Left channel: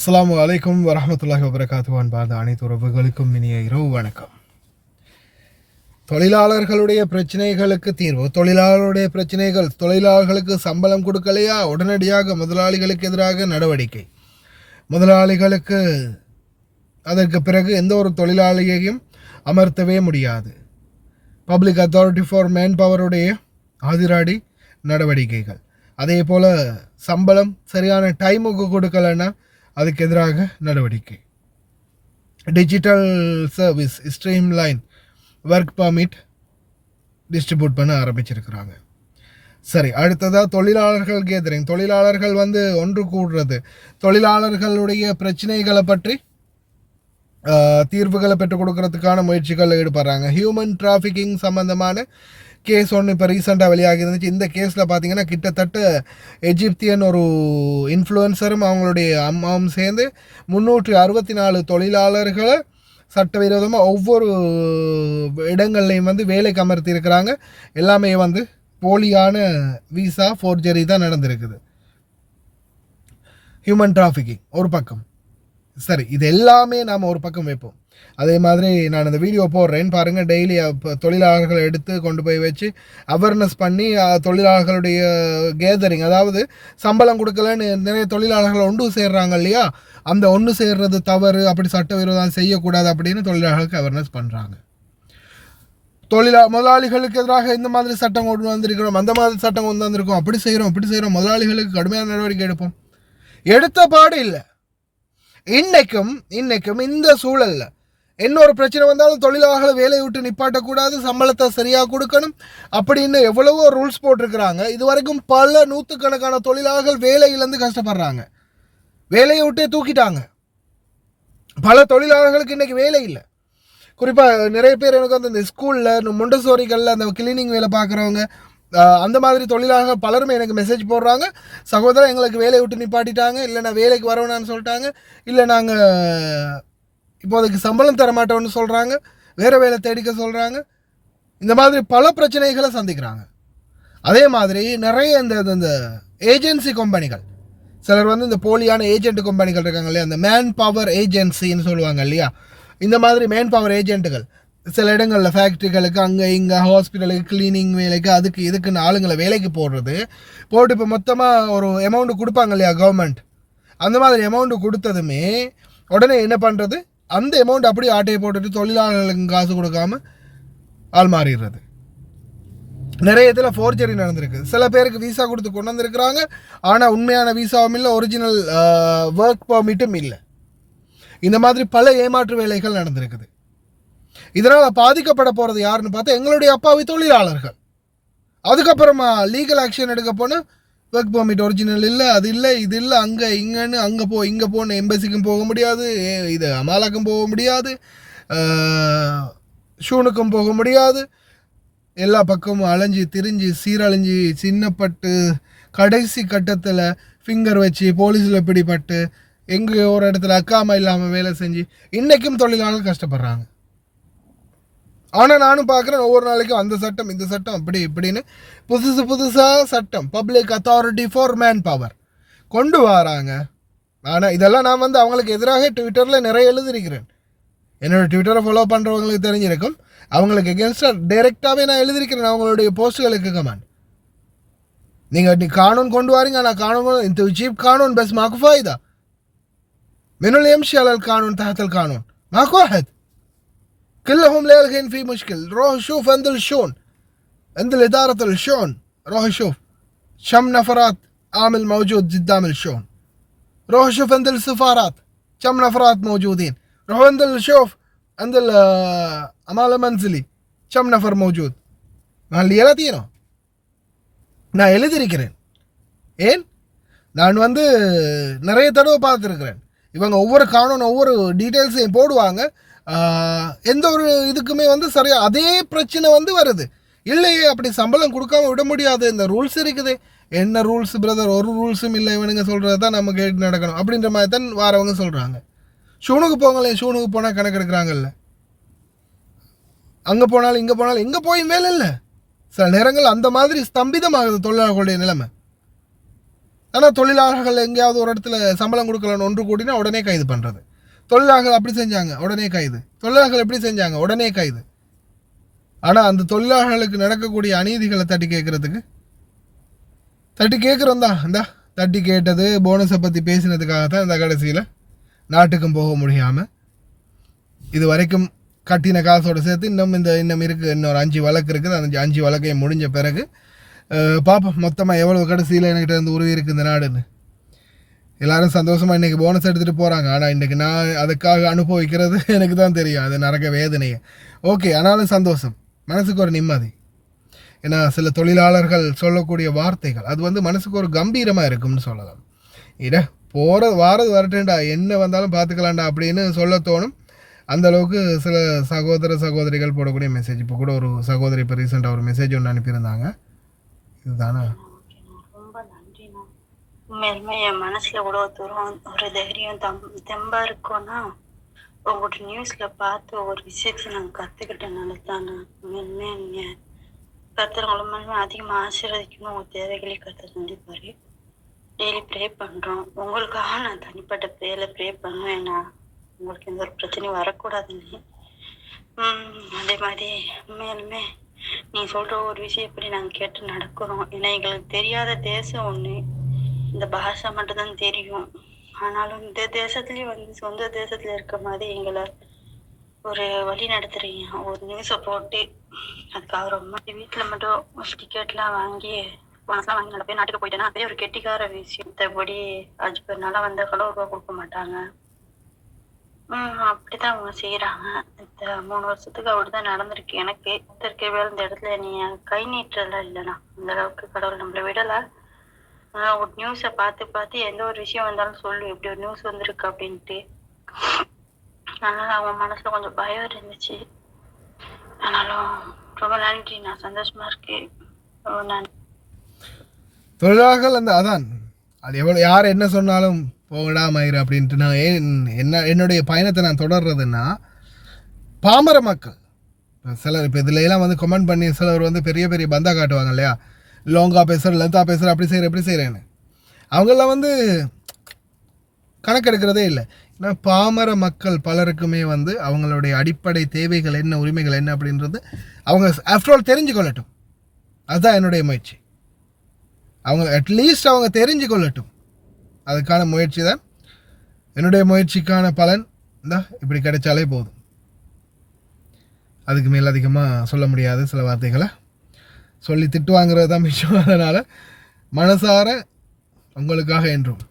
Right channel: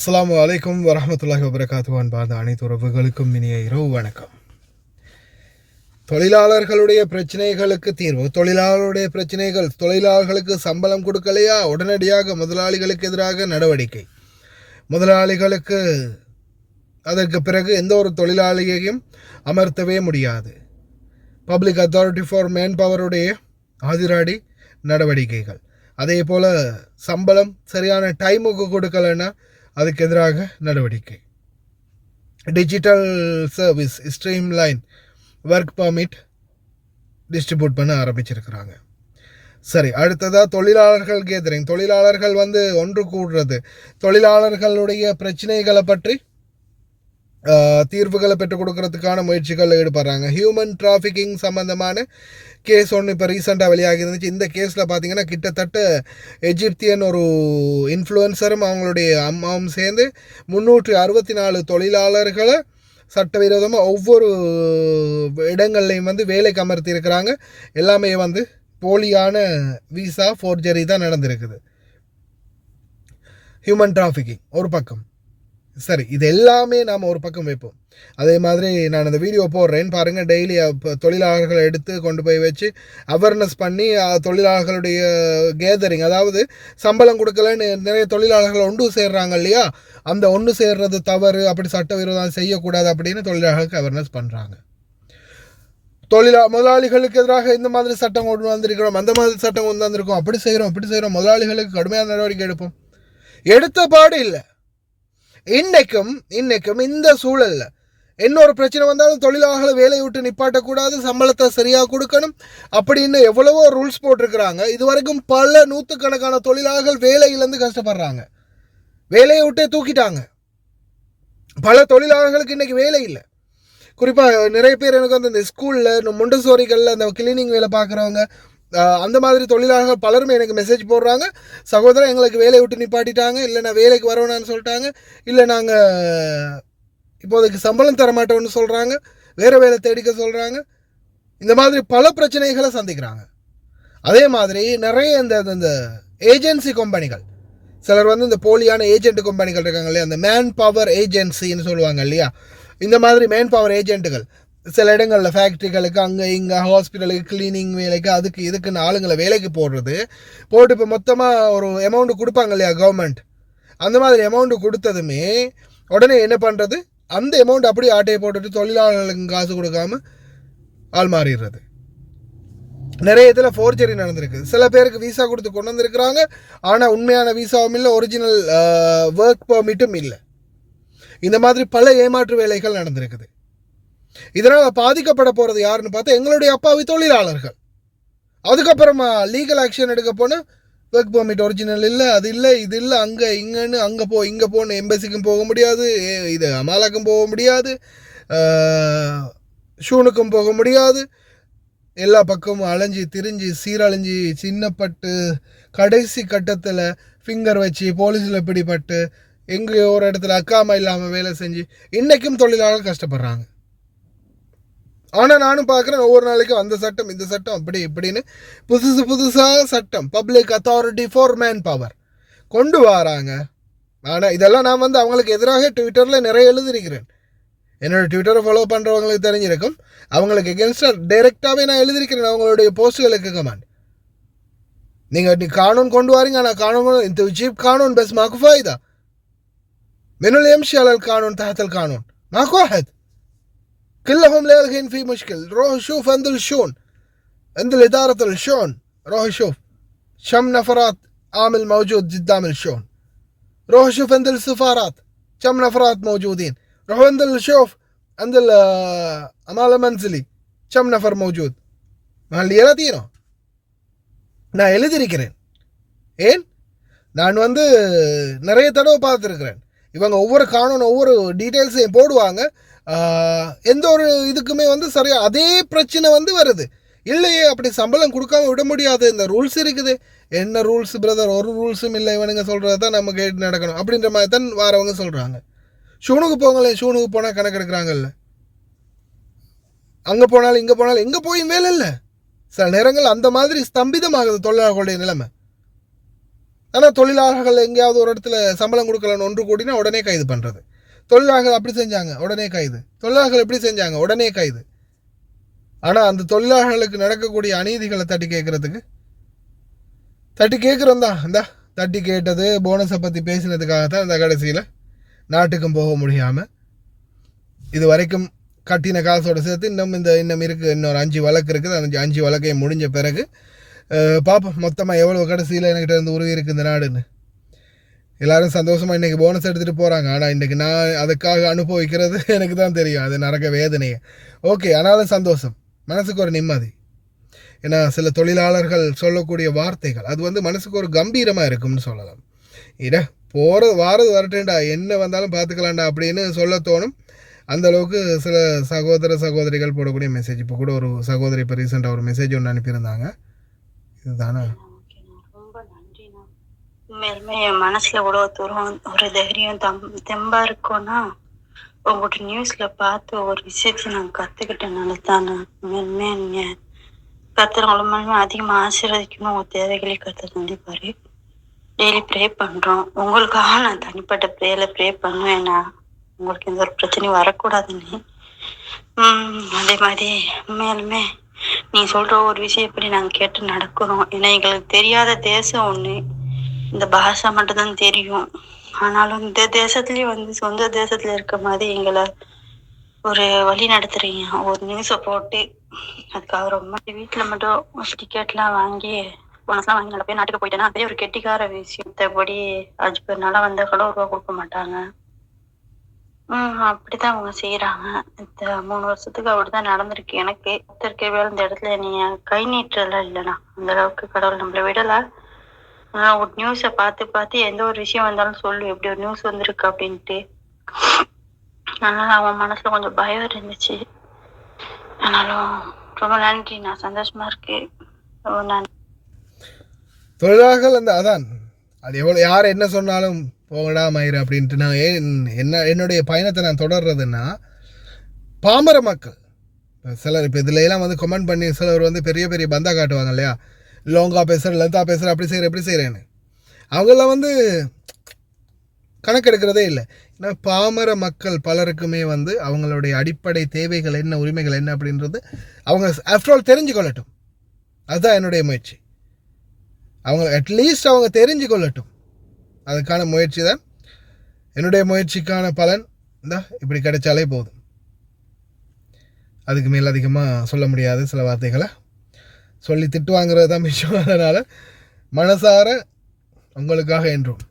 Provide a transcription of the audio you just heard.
அஸ்ஸலாமு அலைக்கும் வரஹ்மத்துல்லாஹி வபரகாத்துஹு. அன்பார்ந்த அனைத்து உறவுகளுக்கும் இனிய இரவு வணக்கம். தொழிலாளர்களுடைய பிரச்சனைகளுக்கு தீர்வு. தொழிலாளர்களுடைய பிரச்சனைகள், தொழிலாளர்களுக்கு சம்பளம் கொடுக்கலையா, உடனடியாக முதலாளிகளுக்கு எதிராக நடவடிக்கை. முதலாளிகளுக்கு அதற்கு பிறகு எந்த ஒரு தொழிலாளியையும் அமர்த்தவே முடியாது. பப்ளிக் அத்தாரிட்டி ஃபார் மேன் பவருடைய ஆதிராடி நடவடிக்கைகள். அதே போல் சம்பளம் சரியான டைமுக்கு கொடுக்கலைன்னா அதுக்கு எதிராக நடவடிக்கை. Digital service streamline work permit distribute பண்ண ஆரம்பிச்சிருக்கிறாங்க. சரி, அடுத்ததாக தொழிலாளர்கள் கேதரிங். தொழிலாளர்கள் ஒன்று கூடுறது, தொழிலாளர்களுடைய பிரச்சனைகளை பற்றி தீர்வுகளை பெற்றுக் கொடுக்கறதுக்கான முயற்சிகள் ஈடுபடுறாங்க. ஹியூமன் டிராஃபிக்கிங் சம்மந்தமான கேஸ் ஒன்று இப்போ ரீசெண்டாக வெளியாகி இருந்துச்சு. இந்த கேஸில் பார்த்தீங்கன்னா கிட்டத்தட்ட எஜிப்தியன் ஒரு இன்ஃப்ளூயன்சரும் அவங்களுடைய அம்மாவும் சேர்ந்து 364 தொழிலாளர்களை சட்டவிரோதமாக ஒவ்வொரு இடங்கள்லையும் வேலைக்கு அமர்த்தி இருக்கிறாங்க. எல்லாமே போலியான விசா ஃபோர்ஜரி தான் நடந்திருக்குது. ஹியூமன் டிராஃபிக்கிங் ஒரு பக்கம். சரி, இது எல்லாமே நாம் ஒரு பக்கம் வைப்போம். அதே மாதிரி நான் இந்த வீடியோ போடுறேன்னு பாருங்கள். டெய்லி தொழிலாளர்களை எடுத்து கொண்டு போய் வச்சு அவேர்னஸ் பண்ணி தொழிலாளர்களுடைய கேதரிங், அதாவது சம்பளம் கொடுக்கலன்னு நிறைய தொழிலாளர்கள் ஒன்று சேர்றாங்க இல்லையா, அந்த ஒன்று சேர்றது தவறு, அப்படி சட்டவிரோதம் செய்யக்கூடாது அப்படின்னு தொழிலாளர்களுக்கு அவேர்னஸ் பண்ணுறாங்க. முதலாளிகளுக்கு எதிராக இந்த மாதிரி சட்டம் கொண்டு வந்திருக்கிறோம், அந்த மாதிரி சட்டம் கொண்டு வந்திருக்கோம், அப்படி செய்கிறோம், முதலாளிகளுக்கு கடுமையான நடவடிக்கை எடுப்போம். எடுத்த பாடு இல்லை. இன்னைக்கும் இந்த சூழலில் இன்னொரு பிரச்சனை வந்தாலும் தொழிலாளர்களை வேலையை விட்டு நிப்பாட்டக்கூடாது, சம்பளத்தை சரியாக கொடுக்கணும் அப்படின்னு எவ்வளவோ ரூல்ஸ் போட்டிருக்கிறாங்க. இது வரைக்கும் பல நூற்றுக்கணக்கான தொழிலாளர்கள் வேலையிலேருந்து கஷ்டப்படுறாங்க. வேலையை விட்டே தூக்கிட்டாங்க. பல தொழிலாளர்களுக்கு இன்றைக்கி வேலை இல்லை. குறிப்பாக நிறைய பேர் எனக்கு இந்த ஸ்கூலில் மொண்டசோரிகளில் அந்த கிளீனிங் வேலை பார்க்குறவங்க, அந்த மாதிரி தொழிலாளர்கள் பலருமே எனக்கு மெசேஜ் போடுறாங்க, சகோதரர் எங்களுக்கு வேலையை விட்டு நிப்பாட்டிட்டாங்க, இல்லை நான் வேலைக்கு வரவேணான்னு சொல்லிட்டாங்க, இல்லை நாங்கள் இப்போதைக்கு சம்பளம் தர மாட்டோம்னு சொல்கிறாங்க, வேறு வேலை தேடிக்க சொல்கிறாங்க. இந்த மாதிரி பல பிரச்சனைகளை சந்திக்கிறாங்க. அதே மாதிரி நிறைய இந்த ஏஜென்சி கம்பெனிகள், சிலர் இந்த போலியான ஏஜென்ட் கம்பெனிகள் இருக்காங்க இல்லையா, அந்த மேன் பவர் ஏஜென்சின்னு சொல்லுவாங்க இல்லையா, இந்த மாதிரி மேன் பவர் ஏஜென்ட்டுகள் சில இடங்களில் ஃபேக்ட்ரிகளுக்கு, அங்கே இங்கே ஹாஸ்பிட்டலுக்கு, கிளீனிங் வேலைக்கு, அதுக்கு இதுக்குன்னு ஆளுங்களை வேலைக்கு போட்டு இப்போ மொத்தமாக ஒரு அமௌண்ட்டு கொடுப்பாங்க இல்லையா கவர்மெண்ட், அந்த மாதிரி அமௌண்ட்டு கொடுத்ததுமே உடனே என்ன பண்ணுறது, அந்த அமௌண்ட் அப்படியே ஆட்டையை போட்டுட்டு தொழிலாளர்களுக்கு காசு கொடுக்காம ஆள் மாறிடுறது. நிறைய இதில் ஃபோர்ஜரி நடந்திருக்கு. சில பேருக்கு விசா கொடுத்து கொண்டு வந்திருக்கிறாங்க, ஆனால் உண்மையான விசாவும் இல்லை, ஒரிஜினல் ஒர்க் பர்மிட்டும் இல்லை. இந்த மாதிரி பல ஏமாற்று வேலைகள் நடந்திருக்குது. இதனால் பாதிக்கப்பட போகிறது யாருன்னு பார்த்தா எங்களுடைய அப்பாவி தொழிலாளர்கள். அதுக்கப்புறமா லீகல் ஆக்ஷன் எடுக்க போனால் ஒர்க் பர்மிட் ஒரிஜினல் இல்லை, அது இல்லை, இது இல்லை, அங்கே இங்கேன்னு இங்கே போன்னு எம்பசிக்கும் போக முடியாது, இது அமாலாக்கும் போக முடியாது, ஷூனுக்கும் போக முடியாது. எல்லா பக்கமும் அலைஞ்சி திரிஞ்சு சீரழிஞ்சி சின்னப்பட்டு கடைசி கட்டத்தில் ஃபிங்கர் வச்சு போலீஸில் பிடிபட்டு எங்கே ஒரு இடத்துல அக்காமா இல்லாமல் வேலை செஞ்சு இன்றைக்கும் தொழிலாளர்கள் கஷ்டப்படுறாங்க. ஆனால் நானும் பார்க்குறேன் ஒவ்வொரு நாளைக்கும் அந்த சட்டம் இந்த சட்டம் அப்படி இப்படின்னு புதுசாக சட்டம், public authority for man power கொண்டு வராங்க. ஆனால் இதெல்லாம் நான் அவங்களுக்கு எதிராக ட்விட்டரில் நிறைய எழுதியிருக்கிறேன். என்னோடய ட்விட்டரை ஃபாலோ பண்ணுறவங்களுக்கு தெரிஞ்சிருக்கும். அவங்களுக்கு எகென்ஸ்டாக டைரெக்டாகவே நான் எழுதியிருக்கிறேன் அவங்களுடைய போஸ்ட்டுகளுக்கு கமெண்ட். நீங்கள் கானூன் கொண்டு வாரீங்க, ஆனால் கானூன் இந்த ஜீப் கானூன் பஸ் மாக்கு ஃபாயிதா من اللي يمشي على القانون تحت القانون ماكو واحد كلهم لاغين في مشكل. روح شوف عند الشون، عند الإدارة الشون، روح شوف كم نفرات عامل موجود قدام الشون. روح شوف عند السفارات كم نفرات موجودين. روح عند شوف عند العمالة المنزلي كم نفر موجود. ما اللي يلاتينو நான் எழுதியிருக்கிறேன். ஏன் நான் நிறைய தடவை பார்த்துருக்கிறேன். இவங்க ஒவ்வொரு கானூன் ஒவ்வொரு டீட்டெயில்ஸையும் போடுவாங்க. எந்த ஒரு இதுக்குமே சரியாக அதே பிரச்சனை வருது. இல்லையே அப்படி சம்பளம் கொடுக்காம விட முடியாது, இந்த ரூல்ஸ் இருக்குது. என்ன ரூல்ஸ் பிரதர், ஒரு ரூல்ஸும் இல்லை, இவனுங்க சொல்கிறது தான் நம்ம கேட்டு நடக்கணும் அப்படின்ற மாதிரி தான் வாரவங்க சொல்கிறாங்க. ஷூனுக்கு போங்களேன், ஷூனுக்கு போனால் கணக்கு எடுக்கிறாங்கல்ல, அங்கே போனாலும் இங்கே போனாலும் எங்கே போயும் வேலை இல்லை. சில நேரங்கள் அந்த மாதிரி ஸ்தம்பிதமாகுது தொழிலாளர்களுடைய நிலைமை. ஆனால் தொழிலாளர்கள் எங்கேயாவது ஒரு இடத்துல சம்பளம் கொடுக்கலன்னு ஒன்று கூடினா உடனே கைது பண்ணுறது. தொழிலாளர்கள் அப்படி செஞ்சாங்க உடனே கைது, தொழிலாளர்கள் எப்படி செஞ்சாங்க உடனே கைது. ஆனால் அந்த தொழிலாளர்களுக்கு நடக்கக்கூடிய அநீதிகளை தட்டி கேட்குறதுக்கு தட்டி கேட்குறோம் தான். இந்த தட்டி கேட்டது போனஸை பற்றி பேசினதுக்காகத்தான் இந்த கடைசியில் நாட்டுக்கும் போக முடியாமல் இது வரைக்கும் கட்டின காசோடு சேர்த்து இன்னும் இருக்குது, இன்னொரு 5 வழக்கு இருக்குது. அந்த 5 வழக்கையும் முடிஞ்ச பிறகு பார்ப்போம் மொத்தமாக எவ்வளோ கடைசியில் என்கிட்ட இருந்து உருவி இருக்குது இந்த நாடுன்னு. எல்லோரும் சந்தோஷமாக இன்றைக்கி போனஸ் எடுத்துகிட்டு போகிறாங்க. ஆனால் இன்றைக்கி நான் அதுக்காக அனுபவிக்கிறது எனக்கு தான் தெரியும், அது நரக வேதனையை. ஓகே, ஆனாலும் சந்தோஷம், மனசுக்கு ஒரு நிம்மதி. ஏன்னா சில தொழிலாளர்கள் சொல்லக்கூடிய வார்த்தைகள் அது வந்து மனசுக்கு ஒரு கம்பீரமாக இருக்கும்னு சொல்லலாம். வாரது வரட்டேன்டா, என்ன வந்தாலும் பார்த்துக்கலாம்டா அப்படின்னு சொல்ல தோணும். அந்தளவுக்கு சில சகோதரிகள் போடக்கூடிய மெசேஜ். இப்போ கூட ஒரு சகோதரி இப்போ ரீசெண்டாக ஒரு மெசேஜ் ஒன்று அனுப்பியிருந்தாங்க. இதுதானே ரொம்ப நன்றிண்ணா. உண்மையிலுமே என் மனசுல இவ்வளோ தூரம் ஒரு தைரியம் தெம்பா இருக்கும்னா உங்கள்கிட்ட நியூஸ்ல பார்த்து ஒரு விஷயத்தை நான் கற்றுக்கிட்டனால தானே. உண்மையிலுமே நீங்கள் கத்துறவங்களும் மூலமா அதிகமாக ஆசீர்வதிக்கணும். உங்கள் தேவைகளை கற்று கண்டிப்பாரு. டெய்லி ப்ரே பண்ணுறோம். உங்களுக்காக நான் தனிப்பட்ட ப்ரே பண்ணுவேன்னா உங்களுக்கு எந்த ஒரு பிரச்சனையும் வரக்கூடாதுன்னு. அதே மாதிரி உண்மையாலுமே நீ சொல்கிற ஒரு விஷயம் எப்படி நாங்கள் கேட்டு நடக்கிறோம். ஏன்னா எங்களுக்கு தெரியாத தேசம் ஒன்று, இந்த பாஷா மட்டும்தான் தெரியும். ஆனாலும் இந்த தேசத்துலேயும் வந்து சொந்த தேசத்தில் இருக்க மாதிரி எங்களை ஒரு வழி நடத்துறீங்க. ஒரு நியூஸை போட்டு அதுக்காக ரொம்ப வீட்டில் மட்டும் டிக்கெட்லாம் வாங்கி போனஸ்லாம் வாங்கி நல்ல பேர் நாட்டுக்கு போயிட்டேன்னா அதே ஒரு கெட்டிக்கார விஷயம். மற்றபடி 5 பேர் நல்லா வந்தால் கூட ரூபா கொடுக்க மாட்டாங்க. அப்படிதான் அவங்க செய்யறாங்க. இந்த 3 வருஷத்துக்கு அப்படிதான் நடந்திருக்கு. எனக்கு வேலை இந்த இடத்துல நீ கை நீட்டலாம் இல்லைண்ணா, அந்த அளவுக்கு கடவுள் நம்மளை விடல. ஒரு நியூஸை பார்த்து எந்த ஒரு விஷயம் வந்தாலும் சொல்லு, எப்படி ஒரு நியூஸ் வந்திருக்கு அப்படின்ட்டு. அதனால அவன் மனசுல கொஞ்சம் பயம் இருந்துச்சு. ஆனாலும் ரொம்ப நன்றி, நான் சந்தோஷமா இருக்கேன். தொழிலாளர்கள் அந்த அதான் அது எவ்வளோ யார் என்ன சொன்னாலும் போகடா மயிறு அப்படின்ட்டு நான் என்னுடைய பயணத்தை நான் தொடர்றதுன்னா பாமர மக்கள் சிலர் இப்போ இதுல எல்லாம் வந்து கமெண்ட் பண்ணி சிலர் வந்து பெரிய பெரிய பந்தா காட்டுவாங்க இல்லையா, லோங்கா பேசுகிற லென்த்தா பேசுகிற அப்படி செய்கிற எப்படி செய்கிறேன்னு. அவங்களாம் வந்து கணக்கெடுக்கிறதே இல்லை. ஏன்னா பாமர மக்கள் பலருக்குமே வந்து அவங்களுடைய அடிப்படை தேவைகள் என்ன, உரிமைகள் என்ன அப்படின்றது அவங்க ஆஃப்டர் ஆல் தெரிஞ்சு கொள்ளட்டும். அதுதான் என்னுடைய முயற்சி. அவங்க அட்லீஸ்ட் அவங்க தெரிஞ்சு கொள்ளட்டும், அதுக்கான முயற்சி தான். என்னுடைய முயற்சிக்கான பலன் இப்படி கிடைச்சாலே போதும். அதுக்கு மேல் அதிகமாக சொல்ல முடியாது. சில வார்த்தைகளை சொல்லி திட்டு வாங்குறது தான் மிச்சம். அதனால் மனசார உங்களுக்காக என்றும்